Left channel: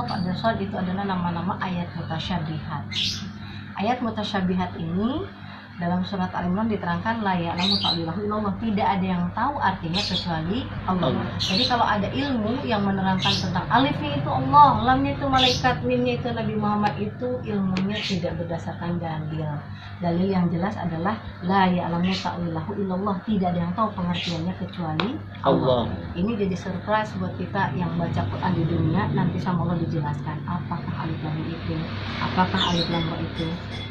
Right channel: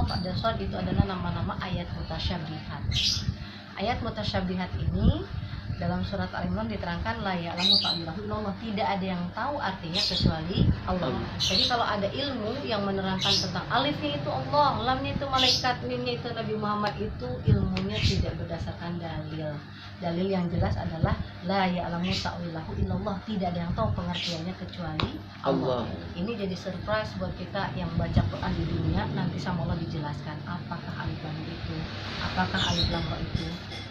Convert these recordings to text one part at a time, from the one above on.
Qaf, ada Shad, itu adalah nama-nama ayat mutasyabihat. Ayat mutasyabihat ini dalam surat Al-Imran diterangkan la ya'lamu ta'wilahu illallah, tidak ada yang tahu artinya kecuali Allah. Jadi kalau ada ilmu yang menerangkan tentang alifnya itu Allah, lamnya itu malaikat, mimnya itu Nabi Muhammad, itu ilmunya tidak berdasarkan dalil. Dalil yang jelas adalah la ya'lamu ta'wilahu illallah, tidak ada yang tahu pengertiannya kecuali Allah. Ini jadi surprise buat kita yang baca Quran di dunia, nanti sama Allah dijelaskan apakah alif lam itu, apakah alif lam ra itu.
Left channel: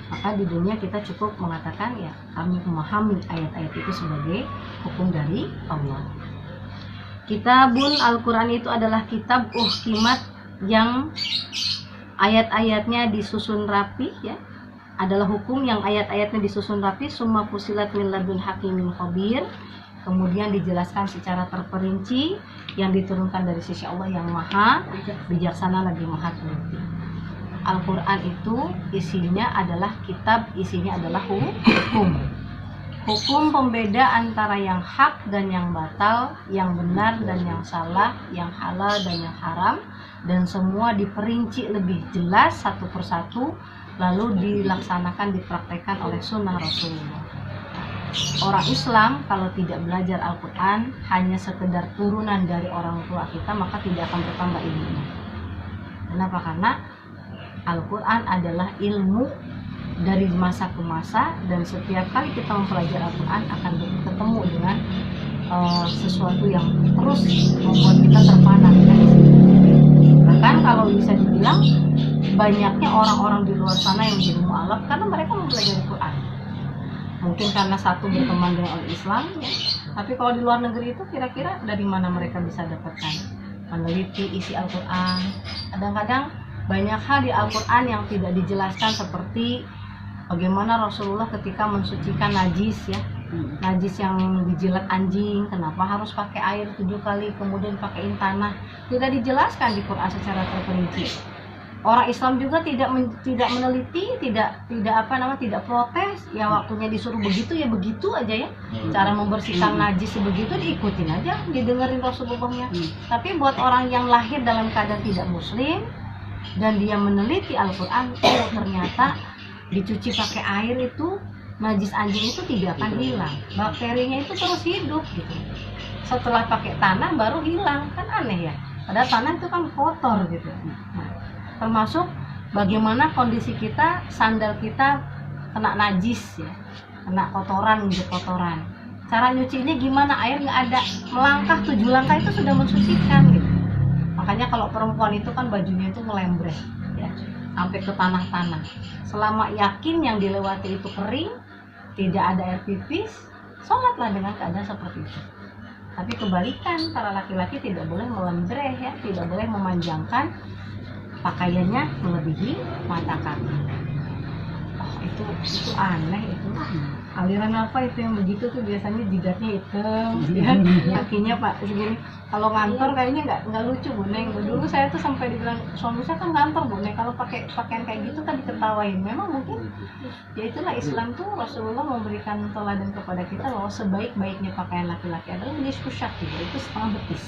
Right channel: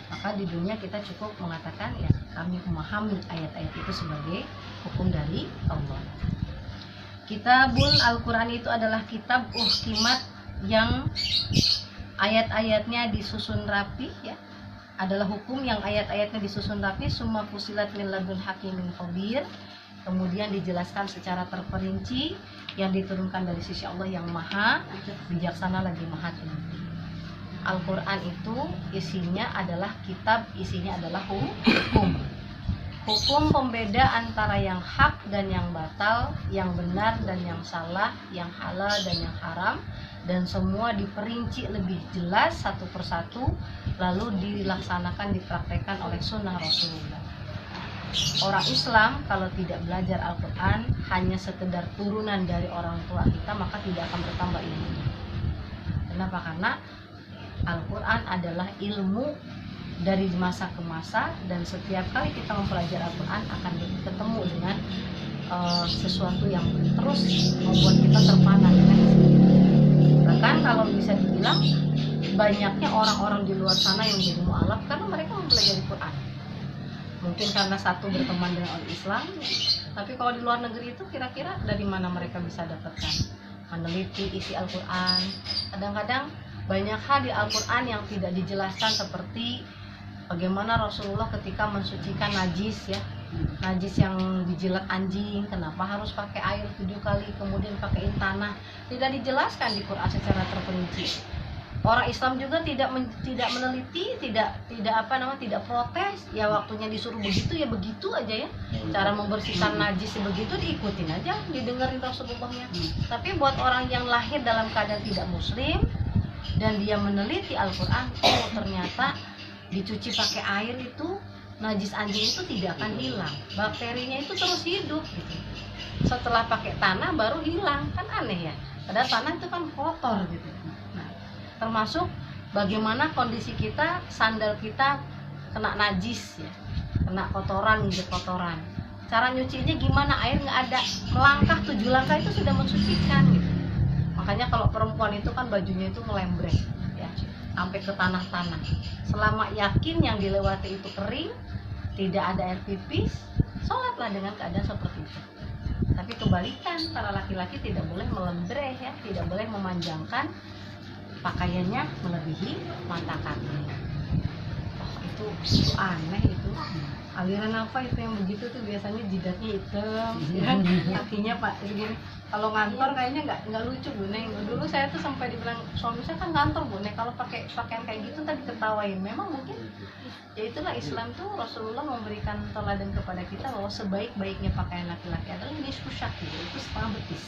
Maka di dunia kita cukup mengatakan ya kami memahami ayat-ayat itu sebagai hukum dari Allah. Kitabun Al-Quran itu adalah kitab uhkimat yang ayat-ayatnya disusun rapi ya. Adalah hukum yang ayat-ayatnya disusun rapi, summa fusilat min ladun hakimin khabir. Kemudian dijelaskan secara terperinci yang diturunkan dari sisi Allah yang maha bijaksana lagi maha teliti. Al-Quran itu isinya adalah kitab, isinya adalah hukum. Hukum pembeda antara yang hak dan yang batal, yang benar dan yang salah, yang halal dan yang haram, dan semua diperinci lebih jelas satu persatu, lalu dilaksanakan, dipraktekkan oleh sunnah Rasulullah. Orang Islam kalau tidak belajar Al-Quran hanya sekedar turunan dari orang tua kita, maka tidak akan bertambah ilmunya. Kenapa? Karena Al-Quran adalah ilmu dari masa ke masa, dan setiap kali kita mempelajari Al-Quran akan ketemu dengan sesuatu yang terus membuat kita terpana. Bahkan kalau bisa dibilang banyaknya orang-orang di luar sana yang jadi mu'alaf karena mereka mempelajari Quran. Mungkin karena satu berteman dengan orang Islam ya. Tapi kalau di luar negeri itu kira-kira dari mana mereka bisa dapatkan meneliti isi Al-Quran. Kadang-kadang banyak hal di Al-Quran yang tidak dijelaskan, seperti bagaimana Rasulullah ketika mensucikan najis ya, najis yang dijilat anjing, kenapa harus pakai air 7 kali kemudian pakaiin tanah, tidak dijelaskan di Quran secara terperinci. Orang Islam juga tidak meneliti, tidak protes, ya waktunya disuruh begitu ya begitu aja ya. Cara membersihkan najis begitu diikutin aja, didengerin Rasulullahnya. Tapi buat orang yang lahir dalam keadaan tidak muslim dan dia meneliti Al-Quran, oh ternyata dicuci pakai air itu najis anjing itu tidak akan hilang, bakterinya itu terus hidup gitu. Setelah pakai tanah baru hilang, kan aneh ya, padahal tanah itu kan kotor gitu. Nah, termasuk bagaimana kondisi kita, sandal kita kena najis ya, kena kotoran, injek kotoran, cara nyucinya gimana, air nggak ada, melangkah 7 langkah itu sudah mensucikan gitu. Makanya kalau perempuan itu kan bajunya itu melembret ya, sampai ke tanah-tanah. Selama yakin yang dilewati itu kering, tidak ada air pipis, sholatlah dengan keadaan seperti itu. Tapi kebalikan, para laki-laki tidak boleh melembreh ya, tidak boleh memanjangkan pakaiannya melebihi mata kaki. Oh, itu aneh itu. Aliran apa itu yang begitu tuh biasanya jidatnya hitam, ya, kakinya pak segini. Kalau ngantor kayaknya nggak lucu Bu Neng. Dulu saya tuh sampai dibilang suami saya kan ngantor Bu Neng, kalau pakai pakaian kayak gitu kan diketawain. Memang mungkin ya itulah Islam tuh, Rasulullah memberikan teladan kepada kita bahwa sebaik-baiknya pakaian laki-laki adalah nisfu syak, itu setengah betis.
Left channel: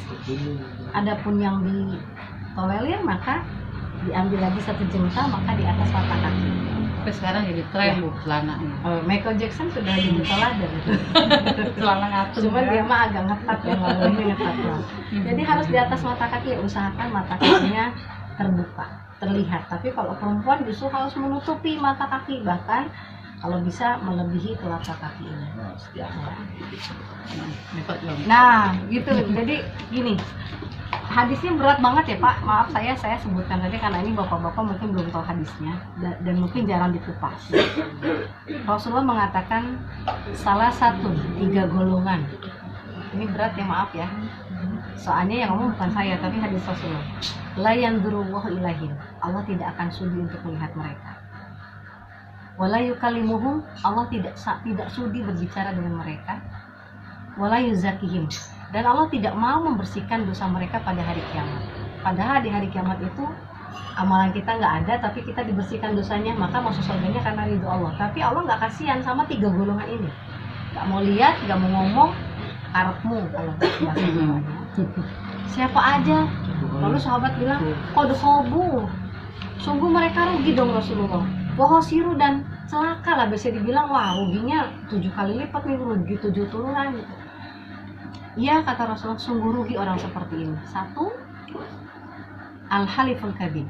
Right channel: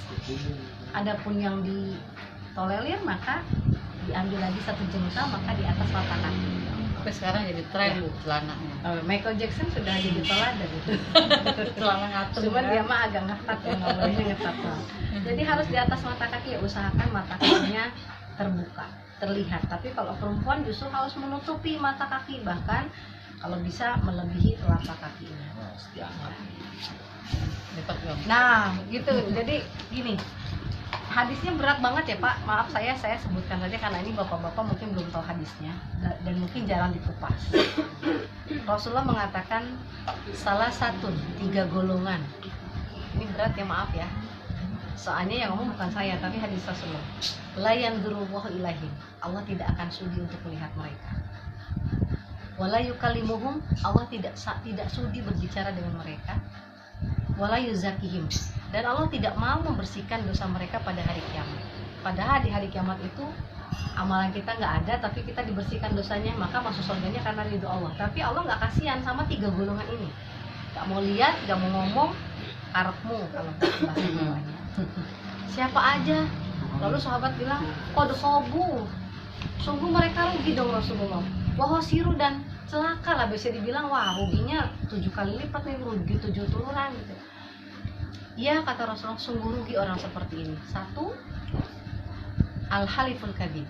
Adapun yang ditolerir maka diambil lagi 1 jengkal, maka di atas mata kaki. Tapi sekarang jadi tren Bu celananya. Michael Jackson sudah jadi teladan itu. Celana ngatung. Cuman dia mah agak ngetat ya, nggak boleh ngetat lah. Jadi harus di atas mata kaki ya, usahakan mata kakinya terbuka, terlihat. Tapi kalau perempuan justru harus menutupi mata kaki, bahkan kalau bisa melebihi telapak kakinya. Nah, gitu. Jadi gini. Hadisnya berat banget ya Pak, maaf saya sebutkan saja karena ini bapak-bapak mungkin belum tahu hadisnya dan mungkin jarang dikupas. Rasulullah mengatakan salah satu 3 golongan, ini berat ya maaf ya, soalnya yang ngomong bukan saya tapi hadis Rasulullah. La yanzurullahu ilaihim, Allah tidak akan sudi untuk melihat mereka. Wala yukallimuhum, Allah tidak sudi berbicara dengan mereka. Wala yuzakihim, dan Allah tidak mau membersihkan dosa mereka pada hari kiamat. Padahal di hari kiamat itu amalan kita nggak ada, tapi kita dibersihkan dosanya, maka masuk surganya karena ridho Allah. Tapi Allah nggak kasihan sama 3 golongan ini, nggak mau lihat, nggak mau ngomong, karepmu kalau bahasa Jawanya. Siapa aja Lalu sahabat bilang, qad khabu, sungguh mereka rugi dong Rasulullah. Wahosiru, dan celaka lah, bisa dibilang wah ruginya 7 kali lipat nih, rugi 7 turunan gitu. Iya, kata Rasulullah, sungguh rugi orang seperti ini. Satu, al-haliful kadhib,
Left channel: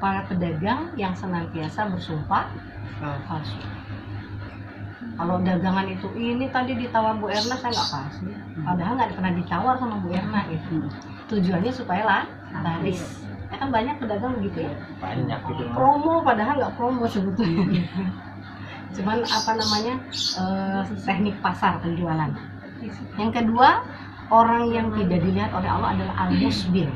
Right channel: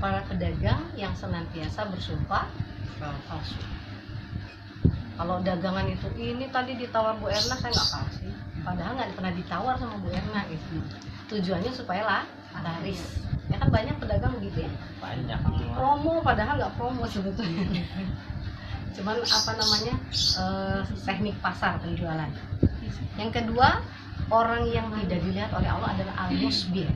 para pedagang yang senantiasa bersumpah palsu. Kalau dagangan itu, ini tadi ditawar Bu Erna, saya nggak kasih, padahal nggak pernah ditawar sama Bu Erna gitu. Tujuannya supaya laris. Ya kan banyak pedagang begitu ya, Banyak gitu. promo padahal nggak promo sebetulnya. Cuman apa namanya, teknik pasar penjualan. Yang kedua, orang yang tidak dilihat oleh Allah adalah al-musbir,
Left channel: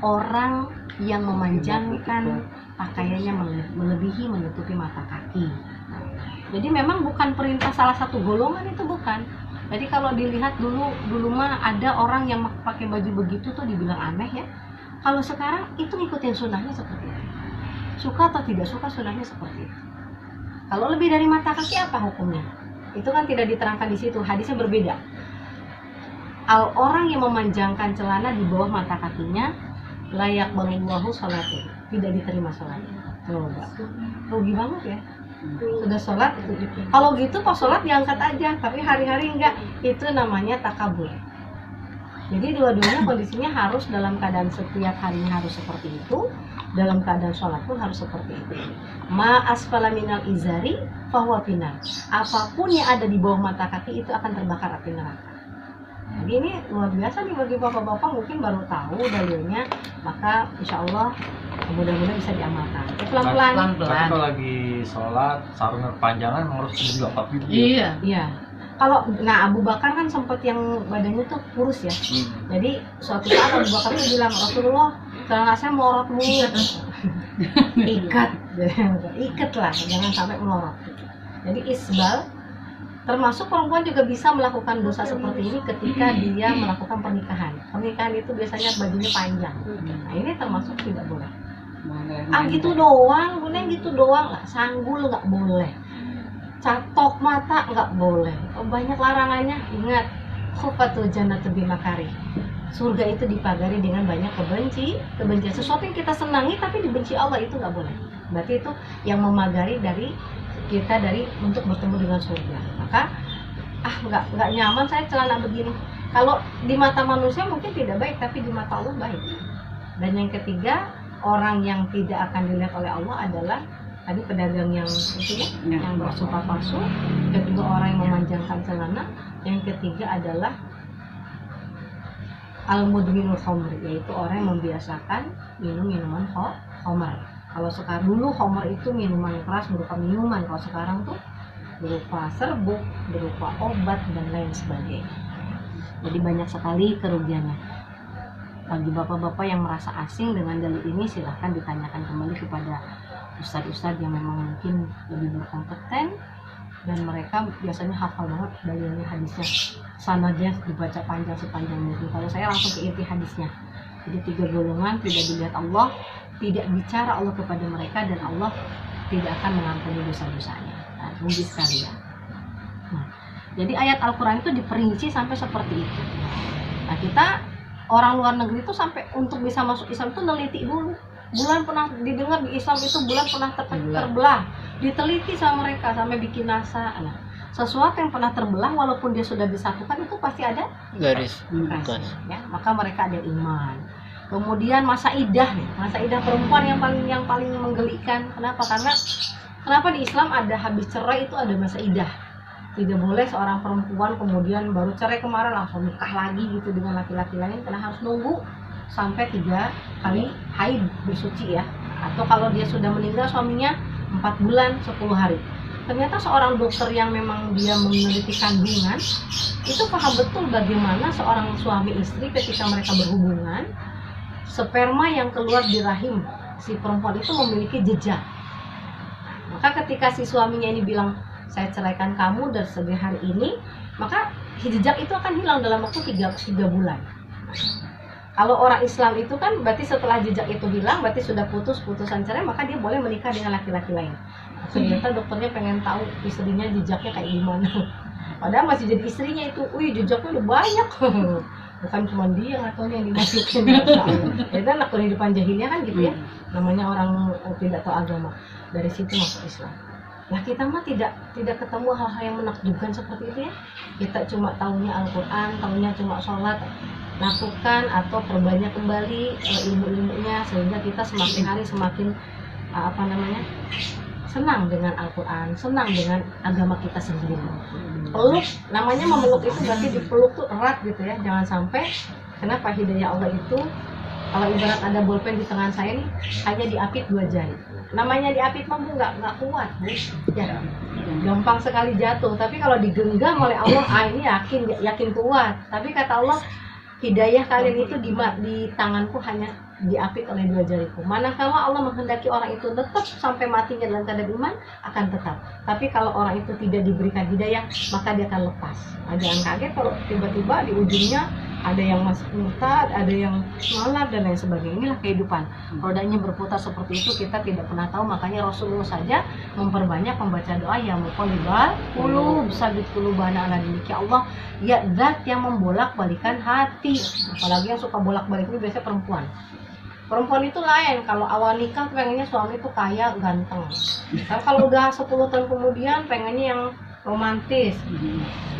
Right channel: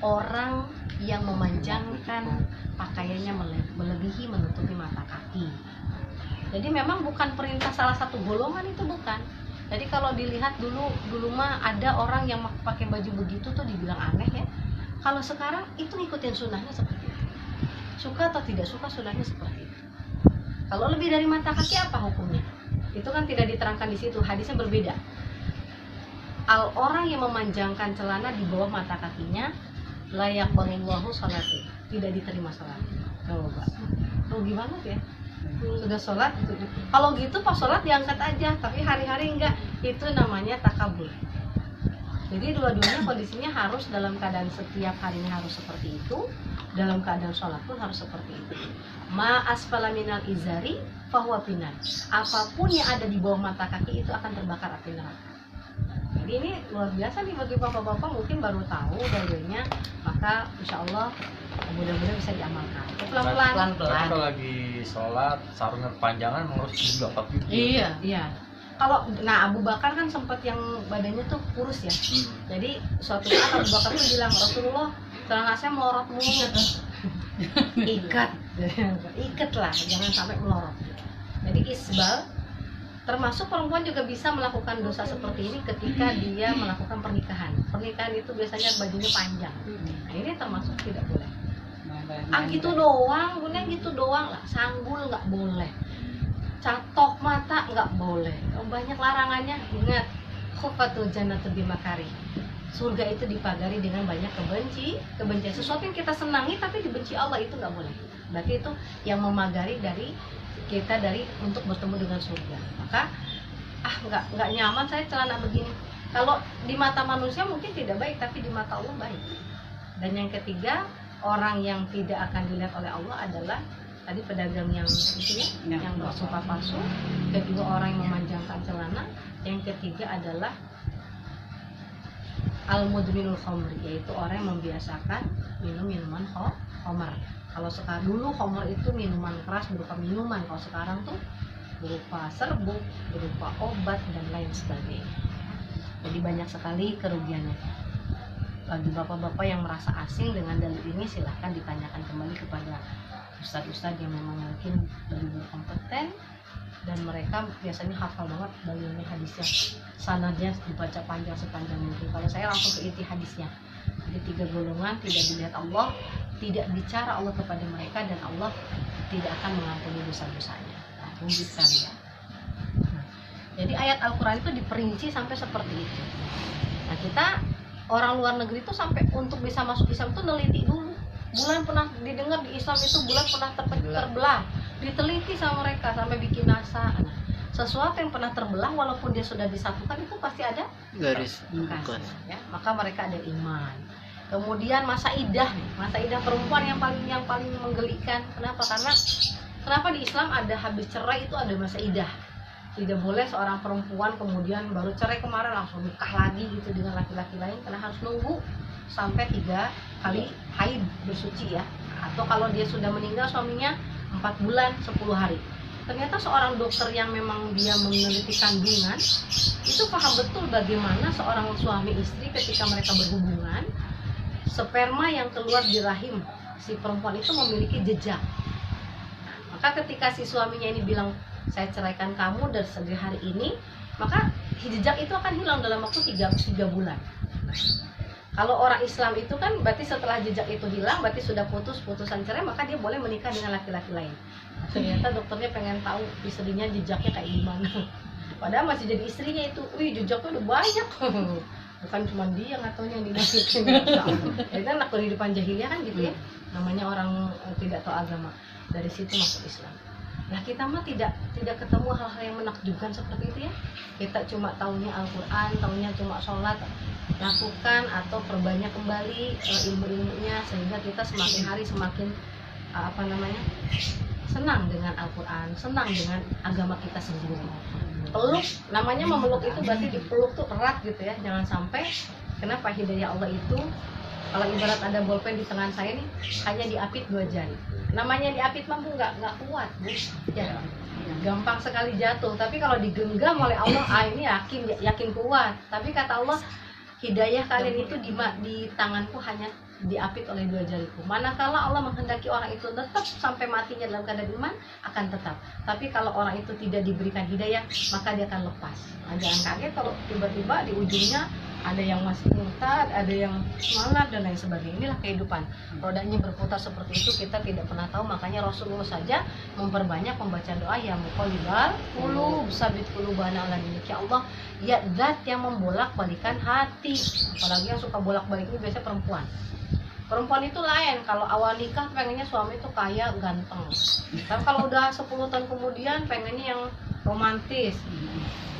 orang yang memanjangkan pakaiannya melebihi menutupi mata kaki. Jadi memang bukan perintah salah satu golongan, itu bukan. Jadi kalau dilihat dulu mah ada orang yang pakai baju begitu tuh dibilang aneh ya. Kalau sekarang itu ngikutin sunnahnya seperti itu. Suka atau tidak suka sunnahnya seperti itu. Kalau lebih dari mata kaki apa hukumnya? Itu kan tidak diterangkan di situ, hadisnya berbeda. Orang yang memanjangkan celana di bawah mata kakinya, layak balullahu salatin, tidak diterima salatnya. Coba, rugi banget ya. Sudah sholat, kalau gitu pas sholat diangkat aja, tapi hari-hari enggak, itu namanya takabur. Jadi dua-duanya kondisinya harus dalam keadaan setiap harinya harus seperti itu, dalam keadaan sholat pun harus seperti itu. Ma asfala minal izari fahuwa finnar. Apapun yang ada di bawah mata kaki itu akan terbakar api neraka. Jadi ini luar biasa nih bagi bapak-bapak, mungkin baru tahu dalilnya, maka insya Allah mudah-mudahan bisa diamalkan. Pelan-pelan. Tapi kalau lagi sholat sarungnya kepanjangan harus juga tapi Iya. Iya. Kalau Abu Bakar kan sempat yang badannya tuh kurus ya. Jadi suatu saat Abu Bakar tuh bilang, Rasulullah, celana saya melorot mulu. Ikat lah, jangan sampai melorot. Jadi isbal, termasuk perempuan juga bisa melakukan dosa seperti ini ketika dia melakukan pernikahan. Pernikahan itu biasanya bajunya panjang. Nah ini termasuk tidak boleh. Gitu doang, gunanya gitu doang lah. Sanggul nggak boleh. Catok mata nggak boleh. Banyak larangannya. Ingat, khufatul jannatu bimakari. Surga itu dipagari dengan banyak kebencian. Sesuatu yang kita senangi tapi dibenci Allah itu nggak boleh. Berarti itu yang memagari dari kita untuk bertemu dengan surga. Maka nggak nyaman saya celana begini. Kalau di mata manusia mungkin tidak baik, tapi di mata Allah baik. Dan yang ketiga, orang yang tidak akan dilihat oleh Allah adalah tadi pedagang yang itu ya, yang bersumpah palsu. Kedua, orang yang memanjangkan celana. Yang ketiga adalah al-mudminul khamri, yaitu orang yang membiasakan minum minuman khamar. Kalau sekarang, dulu khamar itu minuman keras berupa minuman, kalau sekarang tuh berupa serbuk, berupa obat dan lain sebagainya. Jadi banyak sekali kerugiannya. Bagi bapak-bapak yang merasa asing dengan dalil ini, silahkan ditanyakan kembali kepada ustadz-ustadz yang memang mungkin lebih berkompeten dan mereka biasanya hafal banget dalilnya, hadisnya, sanadnya dibaca panjang sepanjang mungkin. Kalau saya langsung ke inti hadisnya. Jadi 3 golongan tidak dilihat Allah, tidak bicara Allah kepada mereka, dan Allah tidak akan mengampuni dosa-dosanya. Nah, rugi sekali ya. Nah, jadi ayat Al-Quran itu diperinci sampai seperti itu. Nah, kita orang luar negeri itu sampai untuk bisa masuk Islam itu neliti dulu. Bulan pernah didengar di Islam itu bulan pernah terbelah, diteliti sama mereka sampai bikin NASA. Nah, sesuatu yang pernah terbelah walaupun dia sudah disatukan itu pasti ada garis bekas, ya. Maka mereka ada iman. Kemudian masa idah perempuan yang paling menggelikan. Kenapa di Islam ada habis cerai itu ada masa idah. Tidak boleh seorang perempuan kemudian baru cerai kemarin langsung nikah lagi gitu dengan laki-laki lain, karena harus nunggu sampai 3 kali haid bersuci ya. Atau kalau dia sudah meninggal suaminya 4 bulan 10 hari. Ternyata seorang dokter yang memang dia meneliti kandungan itu paham betul bagaimana seorang suami istri ketika mereka berhubungan, sperma yang keluar di rahim si perempuan itu memiliki jejak. Maka ketika si suaminya ini bilang, saya ceraikan kamu dari segi hari ini, maka jejak itu akan hilang dalam waktu 3 bulan. Kalau orang Islam itu kan berarti setelah jejak itu hilang, berarti sudah putusan cerai, maka dia boleh menikah dengan laki-laki lain. Ternyata dokternya pengen tahu istrinya jejaknya kayak gimana. Padahal masih jadi istrinya itu, jejaknya udah banyak. bukan cuma dia nggak tahu yang dimasukin. Masya Allah. Itu anak kehidupan jahiliyah kan gitu ya, namanya orang tidak tahu agama, dari situ masuk Islam. Nah kita mah tidak ketemu hal-hal yang menakjubkan seperti itu ya. Kita cuma tahunya Al-Quran, tahunya cuma sholat, lakukan atau perbanyak kembali ilmu-ilmunya, sehingga kita semakin hari semakin senang dengan Al-Quran, senang dengan agama kita sendiri. Peluk, namanya memeluk itu berarti dipeluk tuh erat gitu ya. Jangan sampai, kenapa hidayah Allah itu, kalau ibarat ada bolpen di tangan saya nih, hanya diapit 2 jari. Namanya diapit mah Bu nggak kuat Bu, ya gampang sekali jatuh. Tapi kalau digenggam oleh Allah, ini yakin kuat. Tapi kata Allah, hidayah kalian itu di tanganku hanya diapit oleh 2 jariku. Manakala Allah menghendaki orang itu tetap sampai matinya dalam keadaan iman, akan tetap. Tapi kalau orang itu tidak diberikan hidayah, maka dia akan lepas. Nah, jangan kaget kalau tiba-tiba di ujungnya ada yang masih murtad, ada yang sholat dan lain sebagainya. Inilah kehidupan, rodanya berputar seperti itu, kita tidak pernah tahu. Makanya Rasulullah saja memperbanyak membaca doa yang muqallibal qulub, sabit qulubana ala dinik. Ya Allah, ya zat yang membolak-balikan hati. Apalagi yang suka bolak-balik itu biasanya perempuan. Perempuan itu lain, kalau awal nikah pengennya suami itu kaya, ganteng. Kan kalau udah 10 tahun kemudian pengennya yang romantis,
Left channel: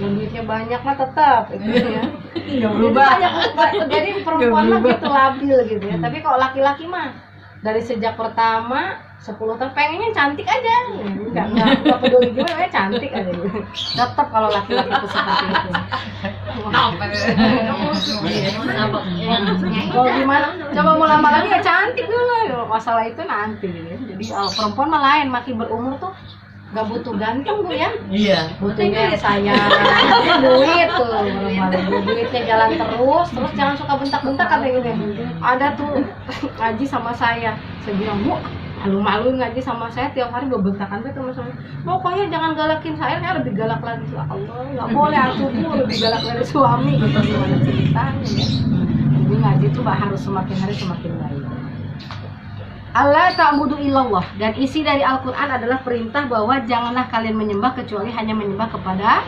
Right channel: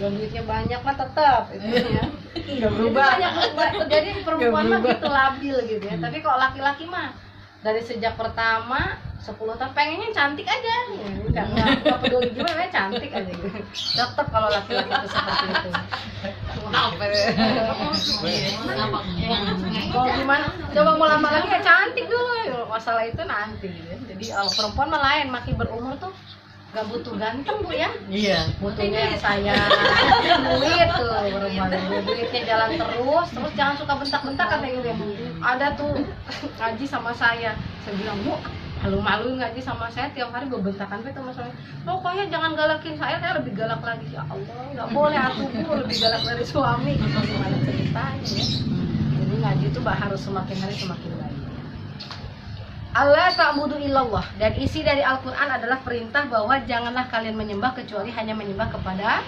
yang duitnya banyak mah tetap itu ya. Nggak berubah. Jadi perempuan mah gitu labil gitu ya. Tapi kalau laki-laki mah dari sejak pertama 10 tahun pengennya cantik aja, nggak peduli gimana, cantik aja gitu. Tetap kalau laki-laki itu seperti itu. Kalau gimana? Coba mau lama lagi ya cantik dulu ya. Masalah itu nanti. Ya. Jadi kalau perempuan mah lain, makin berumur tuh gak butuh ganteng Bu ya. Iya. Butuhnya sayang, duit tuh perempuan. Duitnya jalan terus jangan suka bentak-bentak katanya gitu. Ada tuh ngaji sama saya bilang, Bu, malu-maluin ngaji sama saya tiap hari bentakan gitu sama suami. Pokoknya jangan galakin saya lebih galak lagi. Ya Allah, nggak boleh aku Bu lebih galak dari suami. Gimana ceritanya ya? Jadi ngaji tuh harus semakin hari semakin baik. Allah ta'budu illallah, dan isi dari Al-Quran adalah perintah bahwa janganlah kalian menyembah kecuali hanya menyembah kepada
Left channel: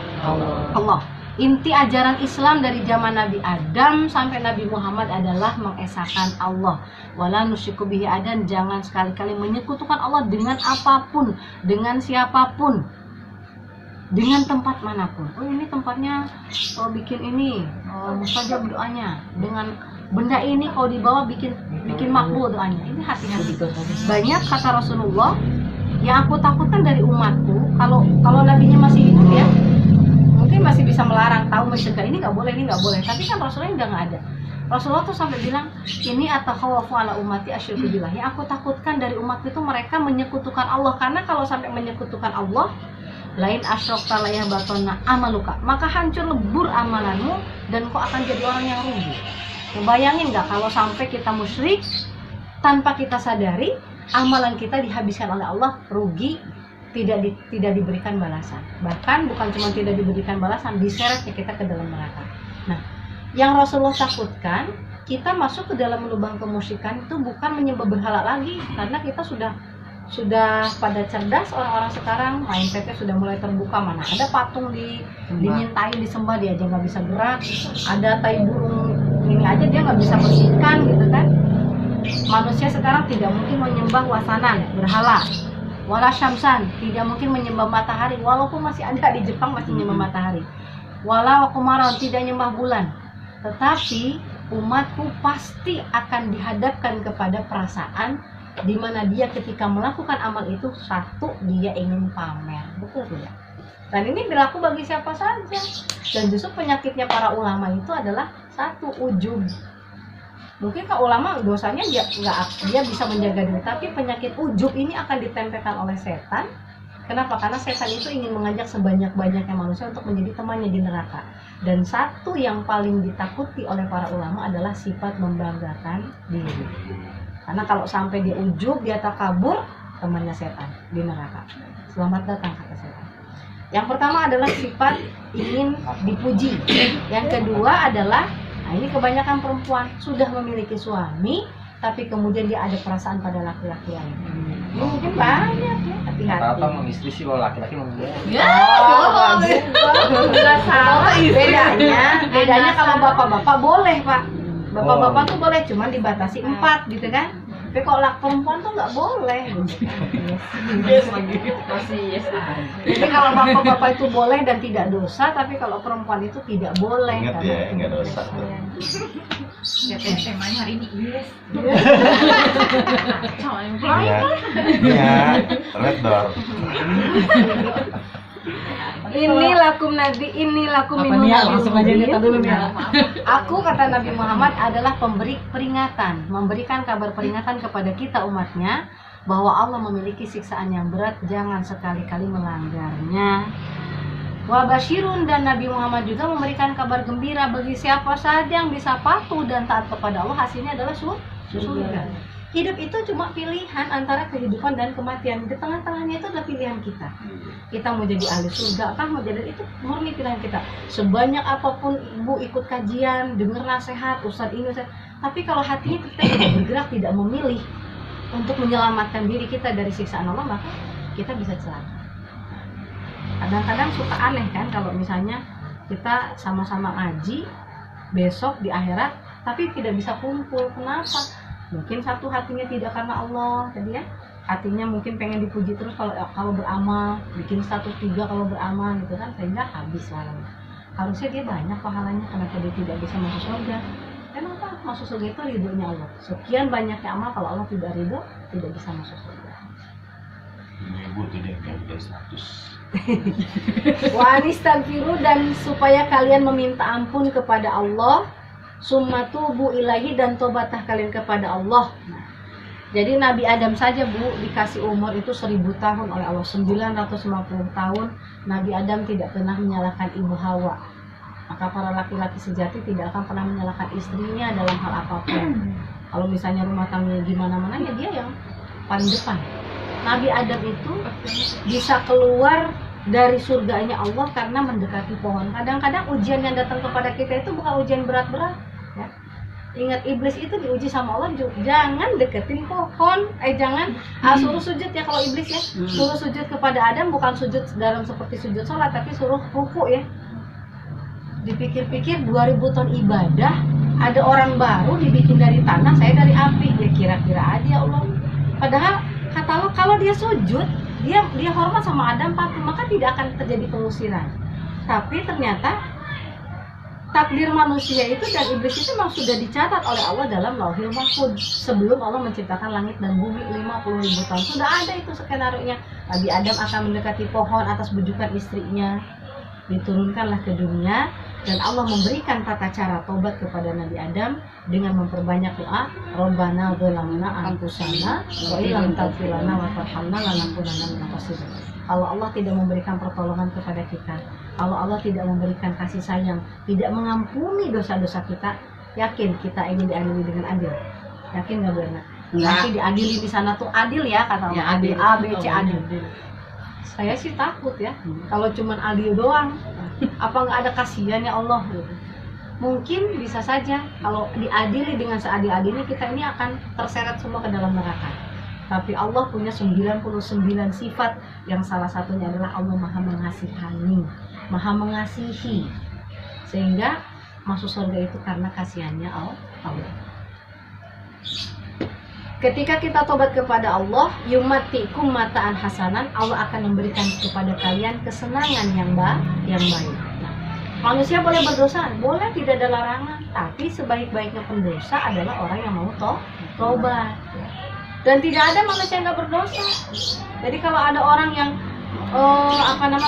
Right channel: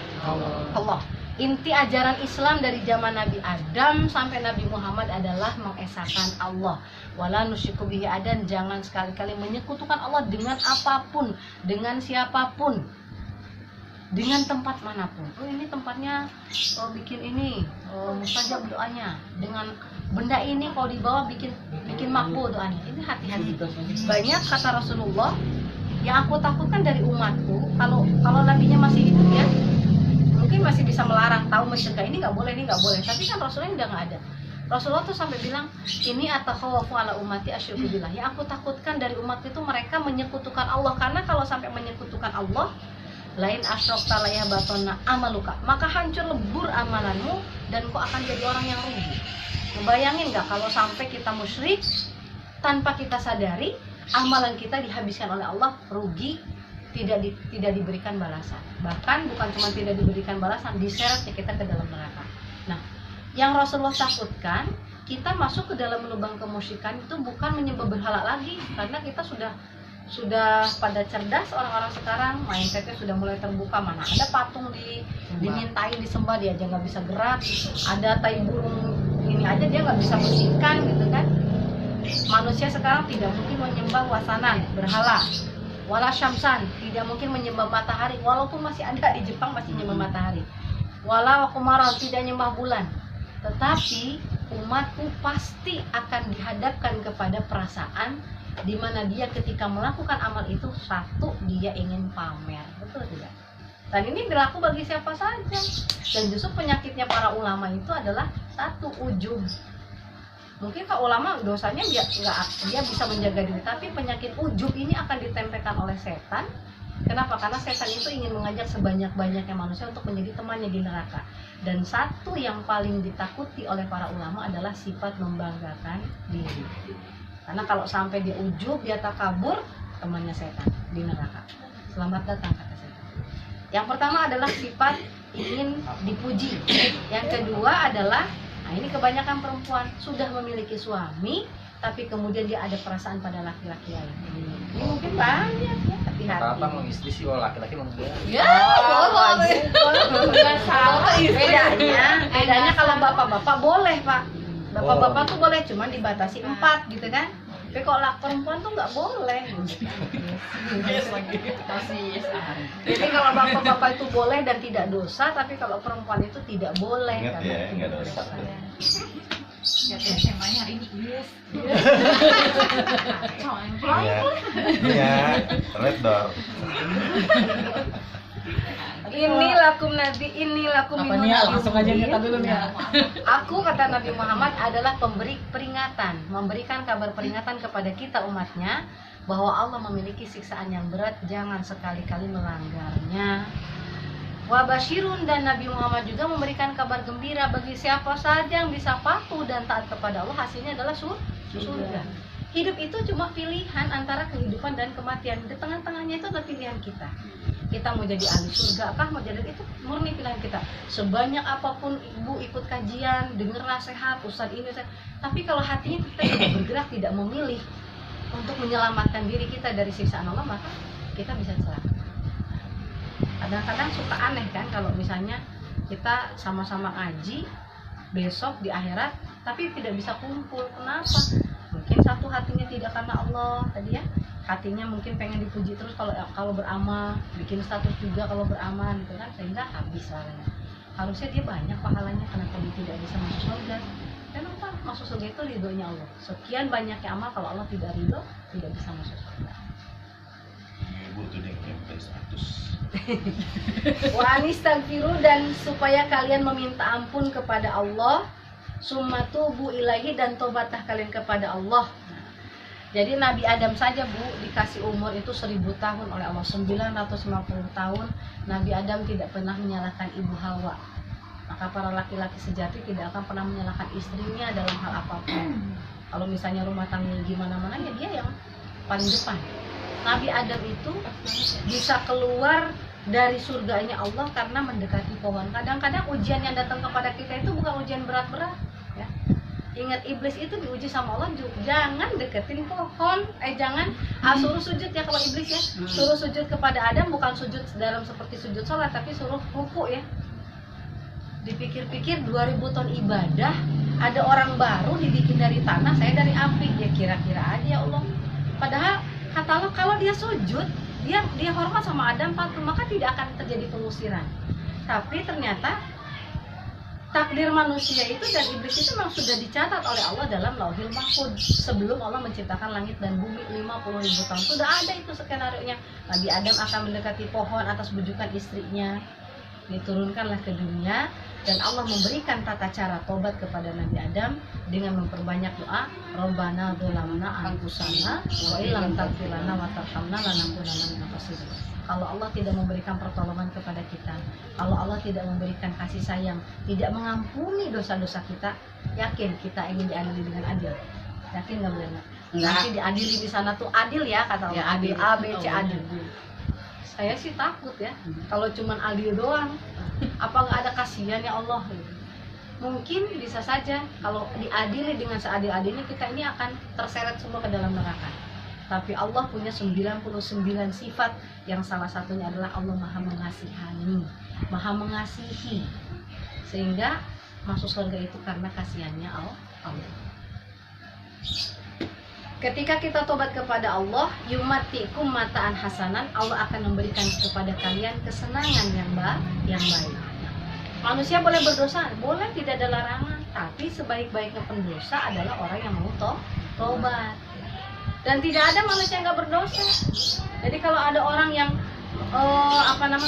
Allah. Inti ajaran Islam dari zaman Nabi Adam sampai Nabi Muhammad adalah mengesahkan Allah. Wala nusyriku bihi adan, jangan sekali-kali menyekutukan Allah dengan apapun, dengan siapapun, dengan tempat manapun. Oh ini tempatnya bikin ini, mustajab doanya. Dengan benda ini kalau dibawa bikin makbul doanya. Ini hati-hati. Banyak kata Rasulullah yang aku takutkan dari umatku, kalau nabinya masih hidup ya, mungkin masih bisa melarang, tahu mencegah ini nggak boleh, ini nggak boleh. Tapi kan Rasulullah udah nggak ada. Rasulullah tuh sampai bilang, ini atakhawafu ala ummati asyirku billah. Yang aku takutkan dari umatku itu mereka menyekutukan Allah, karena kalau sampai menyekutukan Allah, lain asyrakta la yahbatanna amaluka, maka hancur lebur amalanmu dan kau akan jadi orang yang rugi. Bayangin nggak kalau sampai kita musyrik tanpa kita sadari, amalan kita dihabiskan oleh Allah, rugi, tidak diberikan balasan. Bahkan bukan cuma tidak diberikan balasan, diseretnya kita ke dalam neraka. Nah, yang Rasulullah takutkan, kita masuk ke dalam lubang kemusyrikan itu bukan menyembah berhala lagi, karena kita sudah pada cerdas orang-orang sekarang, main PT sudah mulai terbuka, mana ada patung dimintain disembah, dia aja nggak bisa gerak, ada tai burung ini aja dia nggak bisa bersihkan gitu kan. Manusia sekarang tidak mungkin menyembah wasanan, berhala, wala syamsan, tidak mungkin menyembah matahari, walaupun masih ada di Jepang masih menyembah matahari, wala wakumaron, tidak menyembah bulan. Tetapi umatku pasti akan dihadapkan kepada perasaan di mana dia ketika melakukan amal itu, satu, dia ingin pamer, betul tidak? Dan ini berlaku bagi siapa saja. Dan justru penyakitnya para ulama itu adalah satu, ujub. Mungkin kalau ulama dosanya dia bisa menjaga diri, tapi penyakit ujub ini akan ditempelkan oleh setan. Kenapa? Karena setan itu ingin mengajak sebanyak-banyaknya manusia untuk menjadi temannya di neraka. Dan satu yang paling ditakuti oleh para ulama adalah sifat membanggakan diri. Karena kalau sampai dia ujub, dia takabur, temannya setan di neraka. Selamat datang kata setan. Yang pertama adalah sifat ingin dipuji. Yang kedua adalah, nah ini kebanyakan perempuan sudah memiliki suami, tapi kemudian dia ada perasaan pada laki-laki lain. Ini mungkin banyak ya, hati-hati. Rata-rata mau istri sih, kalau laki-laki mau dia. Ya, juga nggak salah. Bedanya bedanya kalau bapak-bapak boleh Pak, bapak-bapak tuh boleh, cuman dibatasi 4 gitu kan. Tapi kalau perempuan tuh nggak boleh. Masih yes aja. Jadi kalau bapak-bapak itu boleh dan tidak dosa, tapi kalau perempuan itu tidak boleh. Ingat karena ya, itu nggak dosa. Ya temanya hari ini yes. Kacau yang Iya, iya, red door. Ini lakum nabi, ini lakum Apa minun nih ya, nabi langsung aja mubin. kita dulu nih. Aku kata Nabi Muhammad adalah pemberi peringatan, memberikan kabar peringatan kepada kita umatnya bahwa Allah memiliki siksaan yang berat, jangan sekali-kali melanggarnya. Wa basyirun, dan Nabi Muhammad juga memberikan kabar gembira bagi siapa saja yang bisa patuh dan taat kepada Allah, hasilnya adalah surga. Hidup itu cuma pilihan antara kehidupan dan kematian. Di tengah-tengahnya itu adalah pilihan kita. Kita mau jadi ahli surga kah, mau jadi, itu murni pilihan kita. Sebanyak apapun ibu ikut kajian, dengar nasihat, ustadz ini, ustadz, tapi kalau hatinya kita tidak bergerak, tidak memilih untuk menyelamatkan diri kita dari siksaan Allah, maka kita bisa celaka. Kadang-kadang suka aneh kan kalau misalnya kita sama-sama ngaji besok di akhirat tapi tidak bisa kumpul. Kenapa? Mungkin satu hatinya tidak karena Allah tadi ya, hatinya mungkin pengen dipuji terus kalau beramal, bikin status juga kalau beramal gitu kan, sehingga habis pahalanya. Harusnya dia banyak pahalanya, kenapa dia tidak bisa masuk surga? Kenapa? Masuk surga itu ridhonya Allah. Sekian banyaknya amal, kalau Allah tidak ridho, tidak bisa masuk surga. Ibu tuh dia yang bikin status. Wa anistaghfiru, dan supaya kalian meminta ampun kepada Allah, summa tubu ilahi, dan tobatlah kalian kepada Allah. Nah, jadi Nabi Adam saja Bu dikasih umur itu 1000 tahun oleh Allah, 950 tahun. Nabi Adam tidak pernah menyalahkan ibu Hawa. Maka para laki-laki sejati tidak akan pernah menyalahkan istrinya dalam hal apapun. Kalau misalnya rumah tangganya gimana-mana, ya dia yang paling depan. Nabi Adam itu bisa keluar dari surganya Allah karena mendekati pohon. Kadang-kadang ujian yang datang kepada kita itu bukan ujian berat-berat ya. Ingat iblis itu diuji sama Allah, jangan deketin pohon, jangan suruh sujud ya kalau iblis ya. Suruh sujud kepada Adam, bukan sujud dalam seperti sujud sholat, tapi suruh ruku ya. Dipikir-pikir 2000 tahun ibadah, ada orang baru dibikin dari tanah, saya dari api. Ya kira-kira aja Allah. Padahal kata Allah kalau dia sujud, dia hormat sama Adam, patuh, maka tidak akan terjadi pengusiran. Tapi ternyata takdir manusia itu dan iblis itu memang sudah dicatat oleh Allah dalam Lauhil Mahfuz sebelum Allah menciptakan langit dan bumi 50.000 tahun. Sudah ada itu skenario-nya. Nabi Adam akan mendekati pohon atas bujukan istrinya. Diturunkanlah ke dunia dan Allah memberikan tata cara tobat kepada Nabi Adam dengan memperbanyak doa, Rabbana dzalamna anfusana wa illam taghfir lana wa tarhamna lanakunanna minal khasirin. Kalau Allah tidak memberikan pertolongan kepada kita, kalau Allah tidak memberikan kasih sayang, tidak mengampuni dosa-dosa kita, yakin kita ingin diadili dengan adil? Yakin nggak Bu Ena? Nanti diadili di sana tuh adil ya kata Allah, Ya, adil adil. A, B, C, adil. Saya sih takut ya, kalau cuman adil doang, apa nggak ada kasihannya Allah gitu. Mungkin bisa saja kalau diadili dengan seadil-adilnya kita ini akan terseret semua ke dalam neraka. Tapi Allah punya 99 sifat yang salah satunya adalah Allah Maha Mengasihani, Maha Mengasihi. Sehingga masuk surga itu karena kasihannya Allah. Ketika kita tobat kepada Allah, yumatikum mataan hasanan, Allah akan memberikan kepada kalian kesenangan yang baik. Nah, manusia boleh berdosa, boleh, tidak ada larangan. Tapi sebaik-baiknya pendosa adalah orang yang mau tobat. Dan tidak ada manusia yang nggak berdosa. Jadi kalau ada orang yang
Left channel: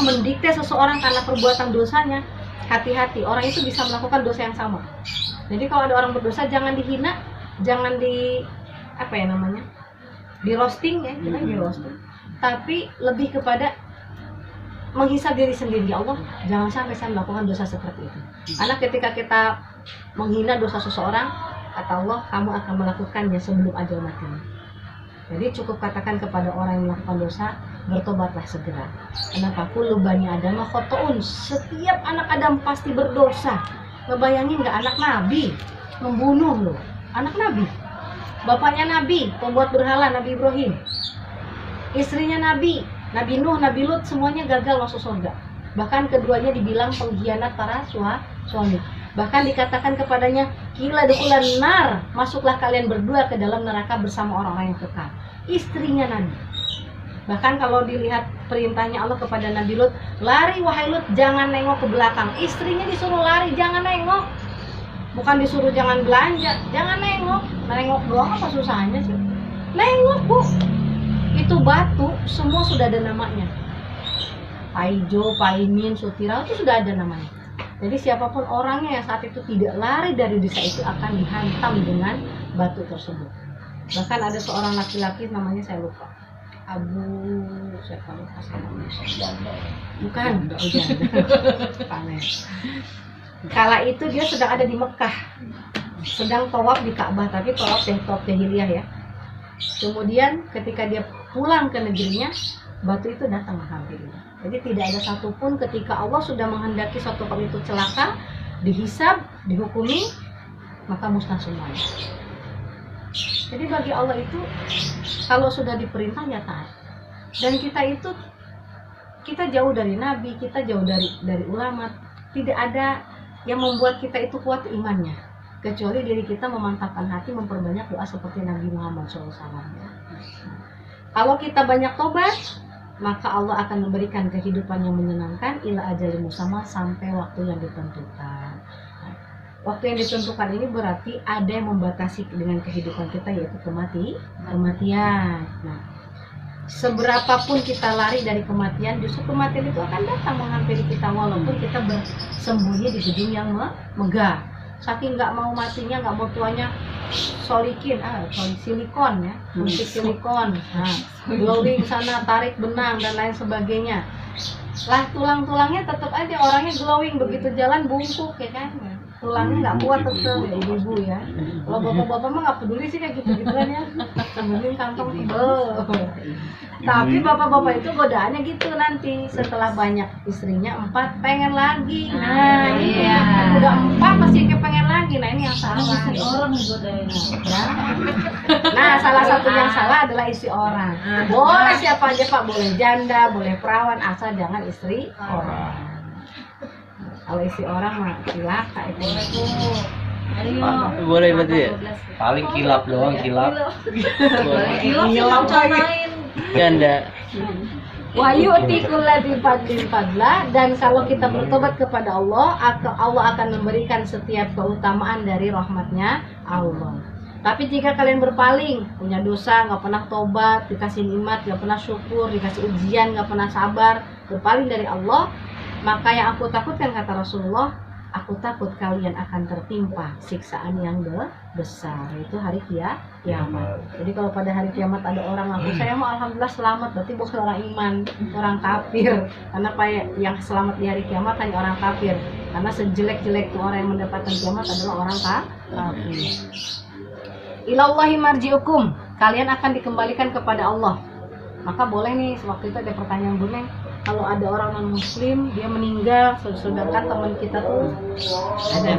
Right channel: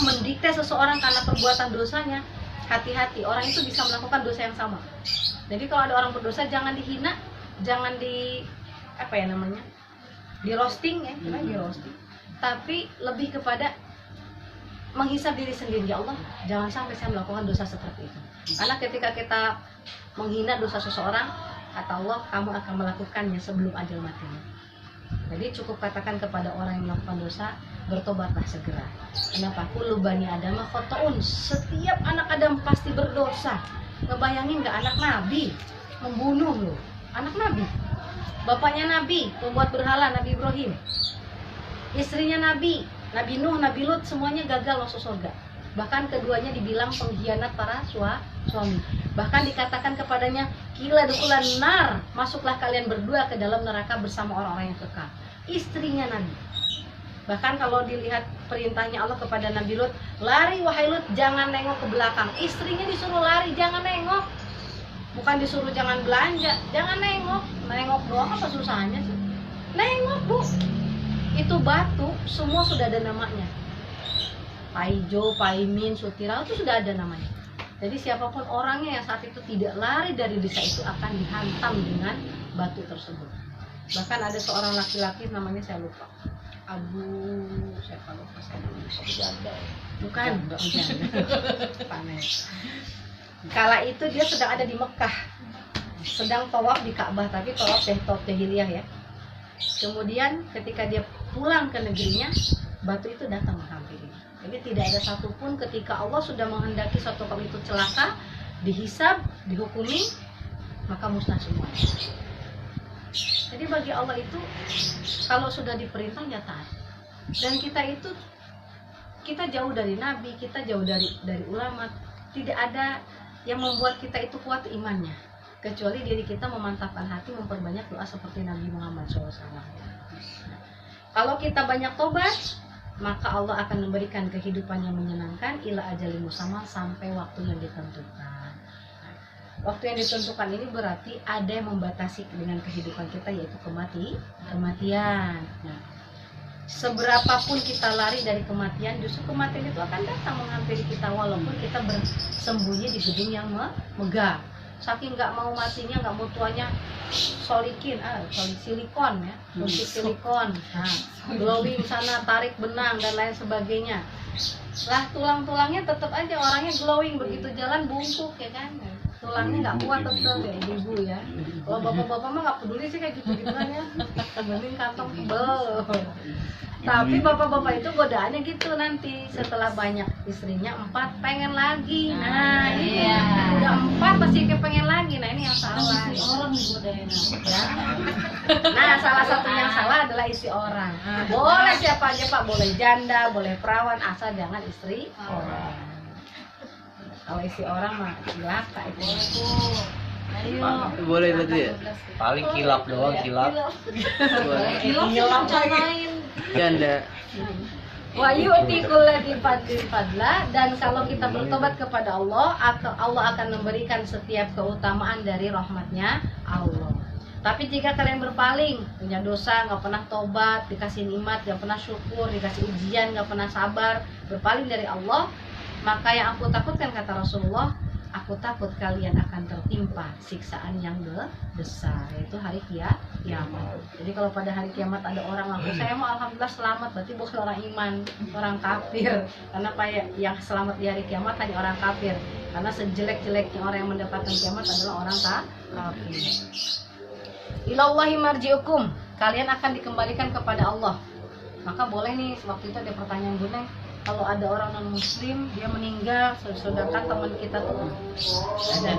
mendikte seseorang karena perbuatan dosanya, hati-hati, orang itu bisa melakukan dosa yang sama. Jadi kalau ada orang berdosa, jangan dihina, jangan di roasting ya, kita di roasting. Tapi lebih kepada menghisab diri sendiri. Ya Allah, jangan sampai saya melakukan dosa seperti itu. Karena ketika kita menghina dosa seseorang, kata Allah, kamu akan melakukannya sebelum ajal matimu. Jadi cukup katakan kepada orang yang melakukan dosa, bertobatlah segera. Kenapa? Kullu bani Adam khotoun. Setiap anak Adam pasti berdosa. Ngebayangin nggak anak Nabi membunuh loh, anak Nabi, bapaknya Nabi pembuat berhala, Nabi Ibrahim, istrinya Nabi Nuh, Nabi Lut, semuanya gagal masuk surga. Bahkan keduanya dibilang pengkhianat para suami. Bahkan dikatakan kepadanya, "Qila dukulan nar," masuklah kalian berdua ke dalam neraka bersama orang-orang yang kekal. Istrinya Nabi. Bahkan kalau dilihat perintahnya Allah kepada Nabi Lut, "Lari wahai Lut, jangan nengok ke belakang." Istrinya disuruh lari, jangan nengok. Bukan disuruh jangan belanja, jangan nengok. Nengok doang apa susahnya sih? Nengok, Bu. Itu batu semua sudah ada namanya. Paijo, Paimin, Sutirau itu sudah ada namanya. Jadi siapapun orangnya yang saat itu tidak lari dari desa itu akan dihantam dengan batu tersebut. Bahkan ada seorang laki-laki namanya saya lupa. Siapa lupa Janda. bukan panen. Kala itu dia sedang ada di Mekah, sedang tawaf di Ka'bah, tapi tawaf jahiliyah ya. Kemudian ketika dia pulang ke negerinya, batu itu datang menghampirinya. Jadi tidak ada satupun ketika Allah sudah menghendaki suatu kaum itu celaka, dihisab, dihukumi, maka musnah semuanya. Jadi bagi Allah itu kalau sudah diperintah ya taat. Dan kita jauh dari nabi, kita jauh dari ulama. Tidak ada yang membuat kita itu kuat imannya, kecuali diri kita memantapkan hati, memperbanyak doa seperti Nabi Muhammad SAW. Kalau kita banyak tobat, maka Allah akan memberikan kehidupan yang menyenangkan ila ajalin musamma, sampai waktu yang ditentukan. Waktu yang ditentukan ini berarti ada yang membatasi dengan kehidupan kita, yaitu kematian. Nah, seberapapun kita lari dari kematian, justru kematian itu akan datang menghampiri kita walaupun kita bersembunyi di gedung yang megah. Saking nggak mau matinya, nggak mau tuanya, silikon ya, musik silikon, glowing sana, tarik benang dan lain sebagainya. Lah tulang-tulangnya tetap aja orangnya glowing, begitu jalan bungkuk ya kan. Tulangnya nggak kuat tetap ya, ibu-ibu ya. Kalau bapak-bapak mah nggak peduli sih kayak gitu-gituan ya, temenin kantong tebel. Tapi bapak-bapak itu godaannya gitu nanti, setelah banyak istrinya 4 pengen lagi. Nah iya, udah 4 pasti pengen lagi. Nah ini yang salah. Istri orang digodain. Nah salah satu yang salah adalah istri orang. Boleh siapa aja Pak, boleh janda, boleh perawan, asal jangan istri orang. Kalau istri orang mah cilaka itu. Boleh berarti ya? Paling kilap doang, kilap. Boleh. Kilap sih rencanain. Janda. Wahyu di fadlah, dan kalau kita bertobat kepada Allah, Allah akan memberikan setiap keutamaan dari rahmatnya Allah. Tapi jika kalian berpaling, punya dosa, nggak pernah tobat, dikasih nikmat, nggak pernah syukur, dikasih ujian, nggak pernah sabar, berpaling dari Allah, maka yang aku takutkan, kata Rasulullah, aku takut kalian akan tertimpa siksaan yang besar, yaitu hari kiamat. Jadi kalau pada hari kiamat ada orang ngaku saya mau alhamdulillah selamat, berarti bukan orang iman, orang kafir. Karena yang selamat di hari kiamat hanya orang kafir. Karena sejelek-jeleknya orang yang mendapatkan kiamat adalah orang kafir. Ilallahi marji'ukum, kalian akan dikembalikan kepada Allah. Maka boleh nih, waktu itu ada pertanyaan Bu Neng, kalau ada orang non muslim dia meninggal sedangkan teman kita tuh ada